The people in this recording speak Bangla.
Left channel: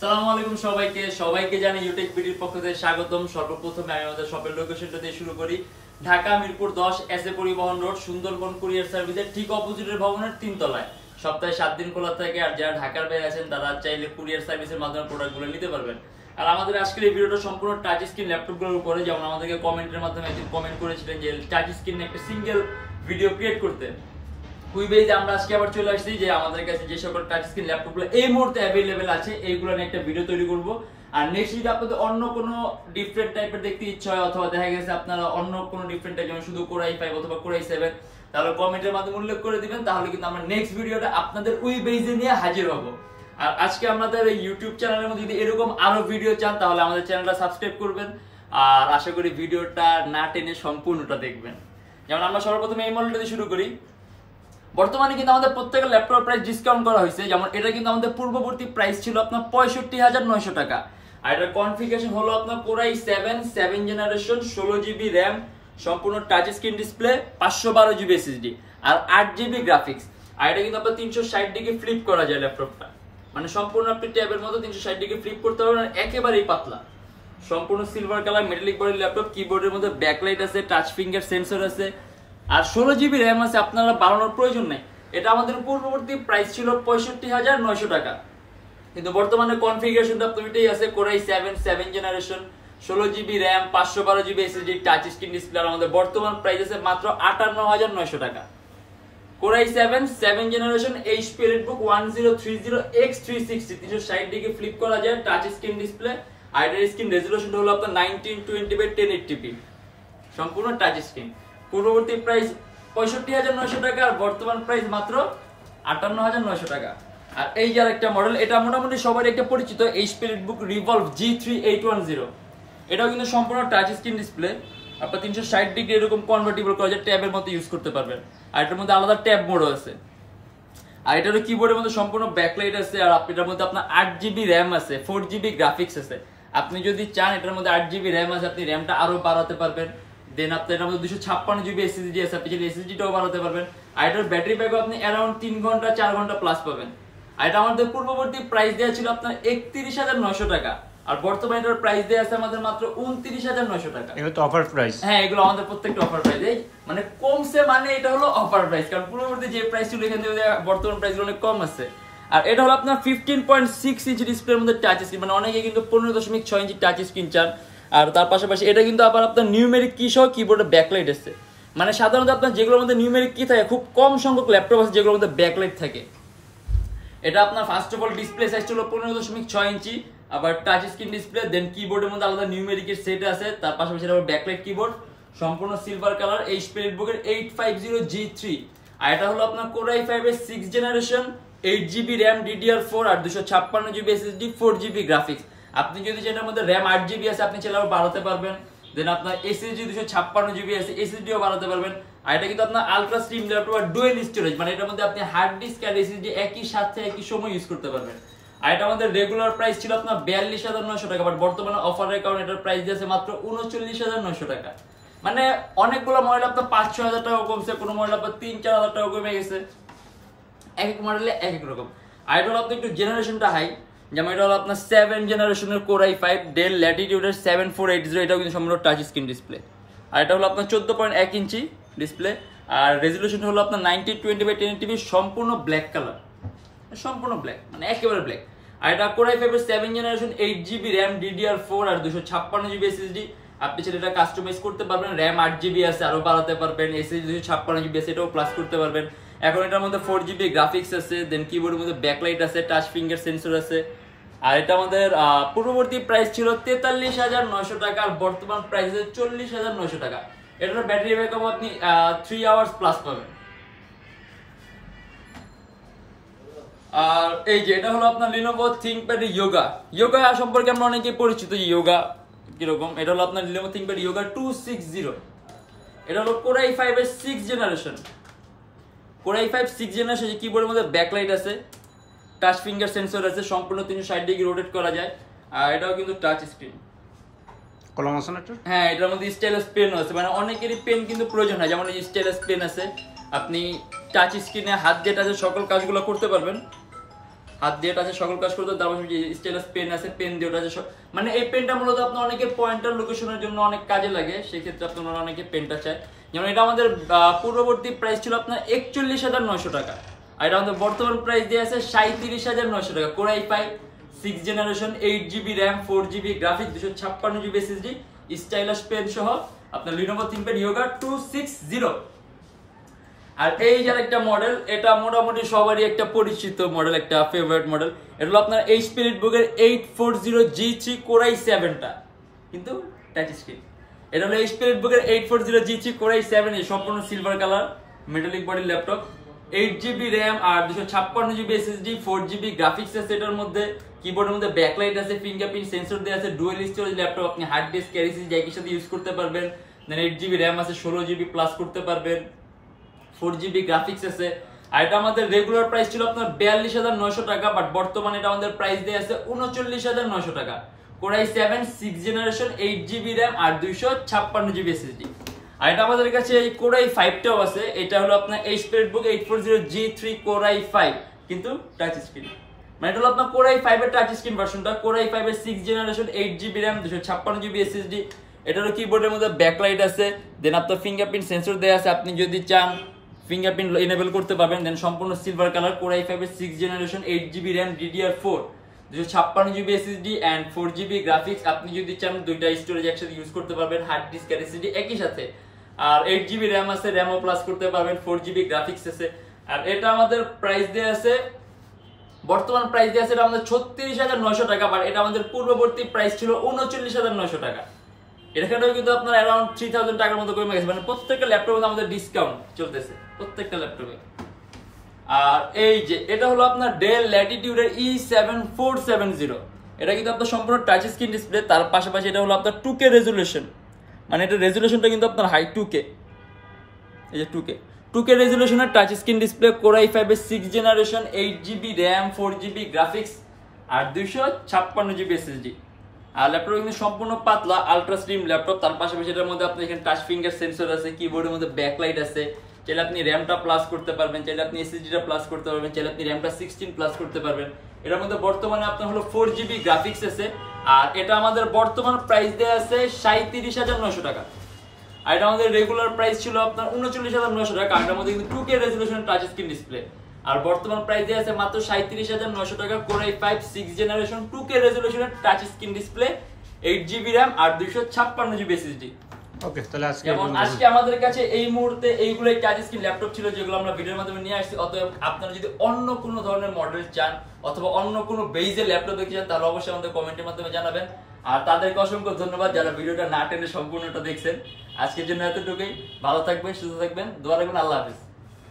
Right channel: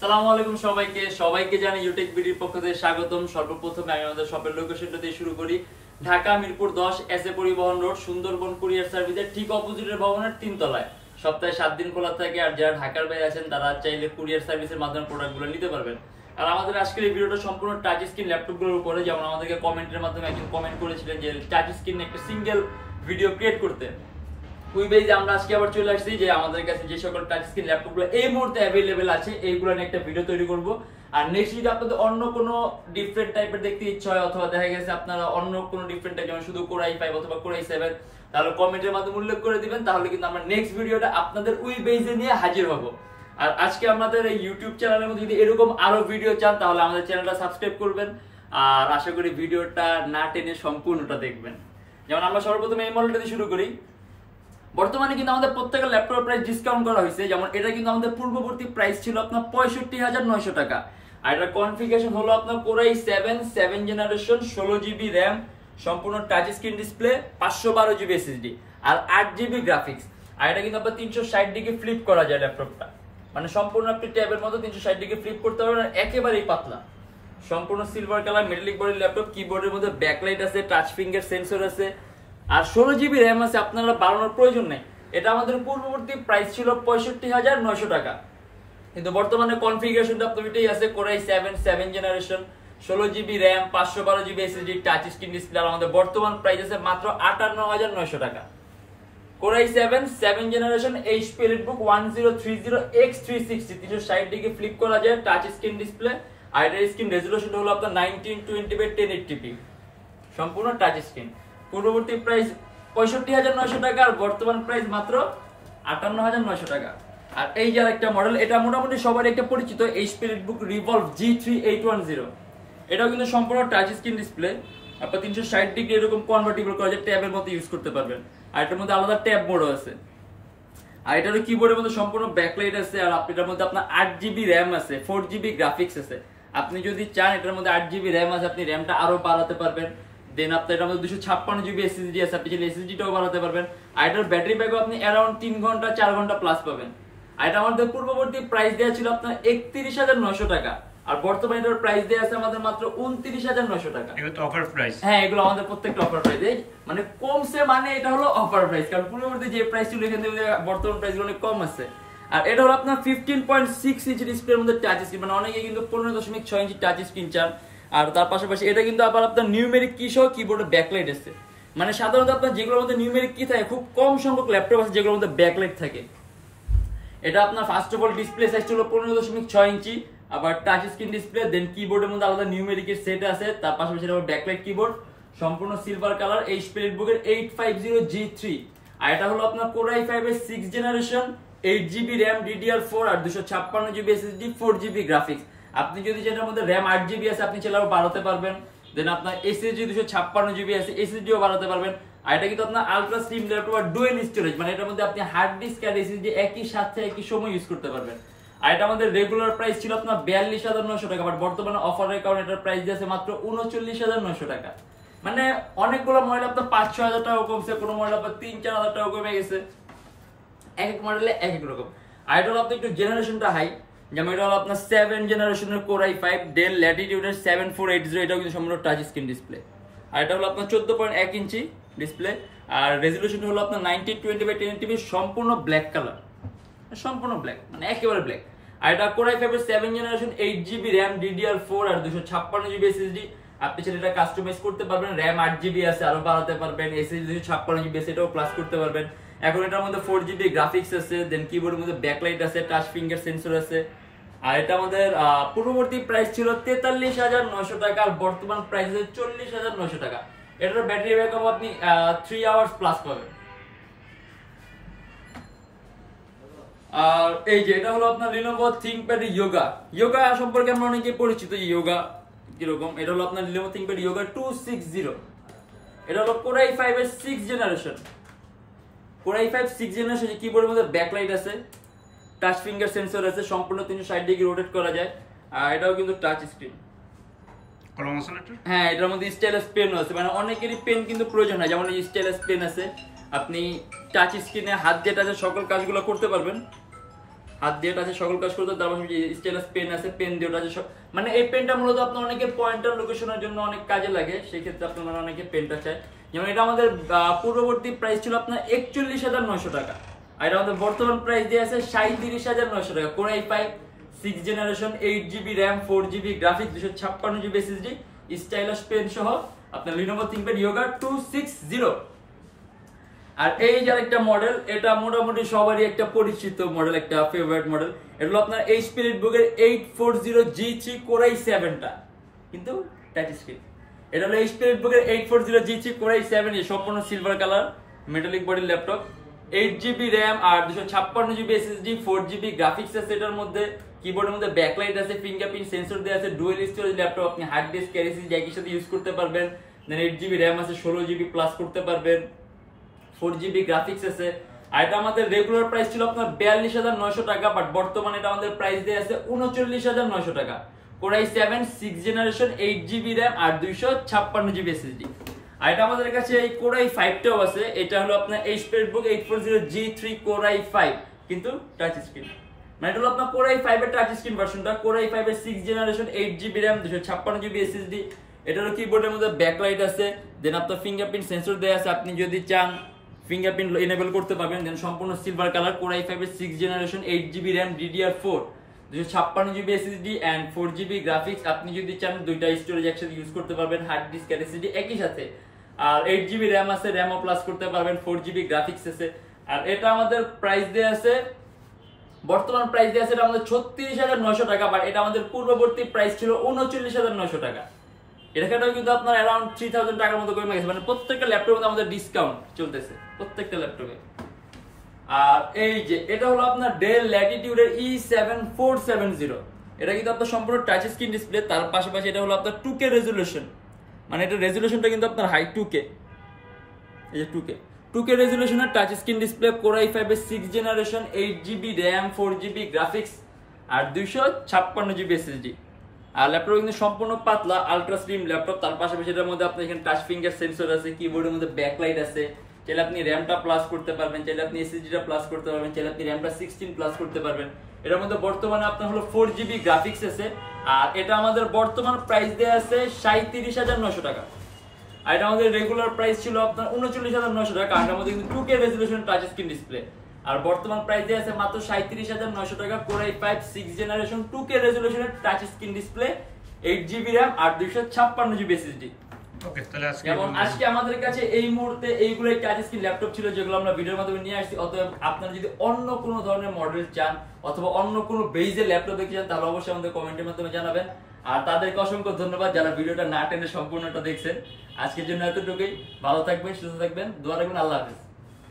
আসসালামু আলাইকুম সবাইকে জানি Youtechbd পক্ষ থেকে স্বাগতম। সর্বপ্রথমে আমি আমাদের শপের লোকেশনটা দিয়ে শুরু করি। ঢাকা মিরপুর 10 এসএ পরিবহন রোড, সুন্দরবন কুরিয়ার সার্ভিসের ঠিক অপোজিটের ভবনের 3 তলায়। সপ্তাহে 7 দিন খোলা থাকে, আর যারা ঢাকার বাইরে আছেন তারা চাইলে কুরিয়ার সার্ভিসের মাধ্যমে প্রোডাক্টগুলো নিতে পারবেন। আর আমাদের আজকের এই ভিডিওটা সম্পূর্ণ টাচ স্ক্রিন ল্যাপটপগুলোর উপরে। যেমন আমাদেরকে কমেন্টের মাধ্যমে একজন কমেন্ট করেছিলেন যে টাচ স্ক্রিনে একটা সিঙ্গেল ভিডিও ক্রিয়েট করতে। কুইবেজে আমরা আজকে আবার চলে আসছি যে আমাদের কাছে যে সকল টাচ স্ক্রিন ল্যাপটপগুলো এই মুহূর্তে অ্যাভেলেবেল আছে এইগুলো নিয়ে একটা ভিডিও তৈরি করব। আর নেক্সট যদি আপনাদের অন্য কোনো ডিফারেন্ট টাইপের দেখতে ইচ্ছা হয়, অথবা দেখা গেছে আপনারা অন্য কোনো ডিফারেন্ট টাইপ যেমন শুধু Core i5 অথবা Core i7, তাহলে কমেন্টের মাধ্যমে উল্লেখ করে দিবেন, তাহলে কিন্তু আমরা নেক্সট ভিডিওটা আপনাদের কুইবেজে নিয়ে হাজির হব। আর আজকে আমাদের এই ইউটিউব চ্যানেলের মধ্যে যদি এরকম আরো ভিডিও চান তাহলে আমাদের চ্যানেলটা সাবস্ক্রাইব করবেন, আর আশা করি ভিডিওটা না টেনে সম্পূর্ণটা দেখবেন। যেমন আমরা সর্বপ্রথমে এই মডেলটা দিয়ে শুরু করি। বর্তমানে কিন্তু আমাদের প্রত্যেকটা ল্যাপটপ প্রাইস ডিসকাউন্ট করা হয়েছে। যেমন এটা কিন্তু আমাদের পূর্ববর্তী প্রাইস ছিল আপনার 65,900 টাকা, আর এটার কনফিগারেশন হলো আপনার Core i7 7 generation, 16GB RAM, সম্পূর্ণ touch screen display, 512GB SSD আর 8GB গ্রাফিক্স। আর এটা কিন্তু আপনার 360 ডিগ্রি ফ্লিপ করা যায় ল্যাপটপটা, মানে সম্পূর্ণ আপনি ট্যাবের মতো 360 ডিগ্রি ফ্লিপ করতে পারবেন। একেবারেই পাতলা, সম্পূর্ণ সিলভার কালার মেটালিক বডির ল্যাপটপ। কিবোর্ডের মধ্যে ব্যাকলাইট আছে, টাচ ফিঙ্গার সেন্সর আছে, আর 16GB RAM আছে। আপনারা বাড়ানোর প্রয়োজন নেই। এটা আমাদের পূর্ববর্তী প্রাইস ছিল 65,900 টাকা, কিন্তু বর্তমানে কনফিগারেশনটা আপনারটাই আছে Core i7 7 generation, 16GB RAM, 512GB SSD, touch screen display. আর আমাদের বর্তমান প্রাইস আছে মাত্র 58,900 টাকা। Core i7 7 generation HP EliteBook 1030X360, 360 degree flip করা যায়, টাচ স্ক্রিন ডিসপ্লে। আর এর স্ক্রিন রেজোলিউশন হলো আপনার 1920x1080p, সম্পূর্ণ টাচ স্ক্রিন। পূর্ববর্তী প্রাইস 65,900 টাকা, আর বর্তমান প্রাইস মাত্র 58,900 টাকা। আর এই যে আরেকটা মডেল, এটা মোটামুটি সবারই একটা পরিচিত HP EliteBook Revolve G3810। এটাও কিন্তু সম্পূর্ণ টাচ স্ক্রিন ডিসপ্লে, আপনার 360 ডিগ্রি এরকম কনভার্টিবল করা যায়, ট্যাবের মতো ইউজ করতে পারবেন। আর এটার মধ্যে আলাদা ট্যাব মোডও আছে। আর এটারও কিবোর্ডের মধ্যে সম্পূর্ণ ব্যাকলাইট আছে, আর এটার মধ্যে আপনার 8GB RAM আছে, 4GB গ্রাফিক্স আছে। আপনি যদি চান এটার মধ্যে 8GB RAM আছে, আপনি র্যামটা আরো বাড়াতে পারবেন। দেন আপনার এটার মধ্যে 256GB SSD আছে, আপনি চাইলে SSD-টাও বাড়াতে পারবেন। আর এটার ব্যাটারি ব্যাকআপ আপনি অ্যারাউন্ড 3 ঘন্টা 4 ঘন্টা প্লাস পাবেন। আর এটা আমাদের পূর্ববর্তী প্রাইস দেওয়া ছিল আপনার 31,900 টাকা, আর বর্তমানে এটার প্রাইস দেওয়া আছে আমাদের মাত্র 29,900 টাকা। এগুলো তো অফার প্রাইস। হ্যাঁ, এগুলো আমাদের প্রত্যেকটা অফার প্রাইস। এই মানে কমছে, মানে এটা হলো অফার প্রাইস, কারণ পূর্ববর্তী যে প্রাইস ছিল এখান থেকে বর্তমান প্রাইসগুলো অনেক কম আছে। আর এটা হলো আপনার 15.6 ইঞ্চি ডিসপ্লের মধ্যে টাচ স্ক্রিন, মানে অনেকে কিন্তু 15.6 ইঞ্চি টাচ স্ক্রিন চান। আর তার পাশাপাশি এটা কিন্তু আবার আপনার নিউমেরিক কি সহ কিবোর্ডে ব্যাকলাইট আছে। মানে সাধারণত আপনার যেগুলোর মধ্যে নিউমেরিক কি থাকে, খুব কম সংখ্যক ল্যাপটপ আছে যেগুলোর মধ্যে ব্যাকলাইট থাকে। এটা আপনার first of all display size হলো 15.6 ইঞ্চি, আবার টাচ স্ক্রিন ডিসপ্লে। দেন কিবোর্ডের মধ্যে আলাদা নিউমেরিকের সেট আছে, তার পাশাপাশি আবার ব্যাকলাইট কিবোর্ড, সম্পূর্ণ সিলভার কালার, HP EliteBook এর 850G3। আর এটা হলো আপনার Core i5 এর 6 জেনারেশন, 8GB RAM DDR4 আর 256GB SSD, 4GB গ্রাফিক্স। আপনি যদি যেটার মধ্যে RAM 8GB আছে আপনি চাইলে আরো বাড়াতে পারবেন। দেন আপনার SSD 256GB আছে, SSD-ও বাড়াতে পারবেন। আর এটা কিন্তু আপনার আলট্রা স্লিম ল্যাপটপ আর ডুয়াল স্টোরেজ, মানে এটার মধ্যে আপনি হার্ড ডিস্ক আর SSD একই সাথে একই সময় ইউজ করতে পারবেন। আর এটা আমাদের রেগুলার প্রাইস ছিল আপনার 42,900 টাকা, বাট বর্তমানে অফারের কারণে এটার প্রাইস দিয়েছে মাত্র 39,900 টাকা। মানে অনেকগুলো মডেল আপনার 5-6 হাজার টাকা কমছে, কোনো মডেল আপনার 3-4 হাজার টাকা কমে গেছে, এক এক মডেলে এক এক রকম। আর এটা হলো আপনার একটু জেনারেশনটা হাই, যেমন এটা হলো আপনার 7 জেনারেশনের Core i5 Dell Latitude 7480, এটাও কিন্তু সম্পূর্ণ টাচ স্ক্রিন ডিসপ্লে। আর এটা হলো আপনার 14.1 ইঞ্চি ডিসপ্লে, আর রেজোলিউশন হলো আপনার 1920x1080p, সম্পূর্ণ ব্ল্যাক কালার, সম্পূর্ণ ব্ল্যাক, মানে একেবারে ব্ল্যাক। আর এটা Core i5 এর 7 জেনারেশন, 8GB RAM DDR4 আর 256GB SSD। আপনি সেটা এটা কাস্টমাইজ করতে পারবেন। RAM 8GB আছে, আরো বাড়াতে পারবেন। SSD 256GB আছে, এটাও প্লাস করতে পারবেন। এখন এটার মধ্যে 4GB গ্রাফিক্স আছে, দেন কিবোর্ডের মধ্যে ব্যাকলাইট আছে, টাচ ফিঙ্গার সেন্সর আছে। আর এটা আমাদের পূর্ববর্তী প্রাইস ছিল 43,900 টাকা, আর বর্তমান প্রাইস আছে 40,900 টাকা। এটার ব্যাটারি ব্যাকআপ আপনি 3 আওয়ার্স প্লাস পাবেন। আর এই যে এটা হলো আপনার Lenovo ThinkPad Yoga সম্পর্কে আমরা অনেকেই পরিচিত। Yoga কিরকম, এটা হলো আপনার Lenovo ThinkPad Yoga 260। এটা হলো Core i5 এর 6 জেনারেশন, Core i5 6 জেনারেশন। কিবোর্ডের মধ্যে ব্যাকলাইট আছে, টাচ ফিঙ্গার সেন্সর আছে, সম্পূর্ণ 360 ডিগ্রি রোটেট করা যায়। আর এটাও কিন্তু টাচ স্ক্রিন, কলম আছে না? হ্যাঁ, এটার মধ্যে স্টাইলাস পেন আছে, মানে অনেকেরই পেন কিন্তু প্রয়োজন হয়, যেমন এই স্টাইলাস পেন আছে। আপনি টাচ স্ক্রিনে হাত যেটা আছে সকল কাজগুলো করতে পারবেন। হাত দিয়ে টাচে সকল কাজ করতে, তারপর স্টাইলাস পেন আছে, পেন দিয়ে টাচে মানে এই পেনটা মূলত আপনার অনেকে পয়েন্টার লোকেশনের জন্য অনেক কাজে লাগে, সেই ক্ষেত্রে আপনারা অনেকে পেনটা চায়। যেমন এটা আমাদের পূর্ববর্তী প্রাইস ছিল আপনার 41,900 টাকা, আর এটা আমাদের বর্তমান প্রাইস দিয়ে আছে 37,900 টাকা। Core i5 6th generation 8GB RAM 4GB graphics 256GB SSD stylus pen সহ আপনার Lenovo ThinkPad Yoga 260। আর এই যে আরেকটা মডেল, এটা মোটামুটি সবারই একটা পরিচিত মডেল, একটা ফেভারিট মডেল। এটা হলো আপনার HP Book-এর 840G3 Core i7টা, কিন্তু টাচ স্ক্রিন। এটা হলো HP Book-এর 840G3 Core i7 এর সম্পূর্ণ সিলভার কালার মেটালিক বডির ল্যাপটপ, 8GB RAM আর 256GB SSD 4GB গ্রাফিক্স আছে এটার মধ্যে। কিবোর্ডের মধ্যে ব্যাকলাইট আছে, ফিঙ্গারপ্রিন্ট সেন্সর দেওয়া আছে, ডুয়াল স্টোরেজ ল্যাপটপ, আপনি হার্ড ডিস্ক ক্যারি একই সাথে ইউজ করতে পারবেন। দেন 8GB RAM আছে, 16GB প্লাস করতে পারবেন, 4GB গ্রাফিক্স আছে। আর এটা আমাদের রেগুলার প্রাইস ছিল আপনার 42,900 টাকা, বাট বর্তমানে এটা আমাদের প্রাইস দিয়ে আছে 39,900 টাকা। Core i7 6th generation 8GB RAM আর 256GB SSD। আর এটা আমাদের কাছে এই Core i5টাও আছে, এটা হলো আপনার HP Book 840G3 Core i5 কিন্তু টাচ স্ক্রিন। মানে এটা হলো আপনার Core i5 এর টাচ স্ক্রিন ভার্সনটা, Core i5 এর 6th generation 8GB RAM 256GB SSD। এটারও কিবোর্ডের মধ্যে ব্যাকলাইট আছে, দেন আপনার ফিঙ্গারপ্রিন্ট সেন্সর দেওয়া আছে, আপনি যদি চান ফিঙ্গারপ্রিন্ট এনেবল করতে পারবেন। দেন সম্পূর্ণ সিলভার কালার, Core i5 এর 6th generation 8GB RAM DDR4 256GB SSD and 4GB graphics, আপনি যদি চান দুইটা স্টোরেজ একসাথে ইউজ করতে পারবেন, হার্ড ডিস্ক আর SSD একই সাথে। আর 8GB RAM আছে, RAMও প্লাস করতে পারবেন, 4GB গ্রাফিক্স আছে। আর এটা আমাদের প্রাইস দেয়া আছে, বর্তমান প্রাইস দেয়া আছে এটা আমাদের 36,900 টাকা, বাট এটা আমাদের পূর্ববর্তী প্রাইস ছিল 39,900 টাকা। এটাও কিন্তু আপনার अराउंड 3000 টাকার মতো কমে গেছে, মানে প্রত্যেকটা ল্যাপটপের মধ্যে আমাদের ডিসকাউন্ট চলতেছে প্রত্যেকটা ল্যাপটপে। আর এই যে এটা হলো আপনার Dell Latitude এর E7470, এটা কিন্তু আপনার সম্পূর্ণ টাচ স্ক্রিন ডিসপ্লে, তার পাশাপাশি এটা হলো আপনার 2K রেজোলিউশন, মানে এটা রেজোলিউশনটা কিন্তু আপনার হাই 2K, এই যে 2K রেজোলিউশনের touch screen display, Core i5 এর 6th generation 8GB RAM 4GB graphics আর 256GB SSD। আর ল্যাপটপ কিন্তু সম্পূর্ণ পাতলা আলট্রা স্লিম ল্যাপটপ, তার পাশাপাশি এটার মধ্যে আপনার এখানে টাচ ফিঙ্গার সেন্সর আছে, কিবোর্ডের মধ্যে ব্যাকলাইট আছে, চাইলে আপনি র্যামটা প্লাস করতে পারবেন, চাইলে আপনি এসএসডিটা প্লাস করতে পারবেন, চাইলে আপনি র্যামটা 16 প্লাস করতে পারবেন। এটার মধ্যে বর্তমানে আপনার হলো 4GB গ্রাফিক্স আছে, আর এটা আমাদের বর্তমান প্রাইস দেয়া আছে 37,900 টাকা। আর এটা আমাদের রেগুলার প্রাইস ছিল আপনার 39,900 টাকা, কারণ এটার মধ্যে কিন্তু 2K resolution touch screen display. আর বর্তমান প্রাইস দেয়া আছে মাত্র 37,900 টাকা, Core i5 6th generation 2K রেজোলিউশনের touch screen display, 8GB RAM আর 256GB SSD। ওকে, তাহলে আজকে আমাদের কাছে এই মুহূর্তে এইগুলাই টাচ স্ক্রিন ল্যাপটপ ছিল যেগুলো আমরা ভিডিওর মাধ্যমে নিয়ে আসছি। অতএব আপনারা যদি অন্য কোনো ধরনের মডেল চান অথবা অন্য কোনো বেজের ল্যাপটপ দেখতে চান তাহলে অবশ্যই আমাদের কমেন্টের মাধ্যমে জানাবেন। আর তাদেরকে অসংখ্য ধন্যবাদ যারা ভিডিওটা না টেনে সম্পূর্ণটা দেখছেন। আজকের জন্য এতটুকুই, ভালো থাকবেন, সুস্থ থাকবেন, দোয়া রাখবেন, আল্লাহ হাফেজ।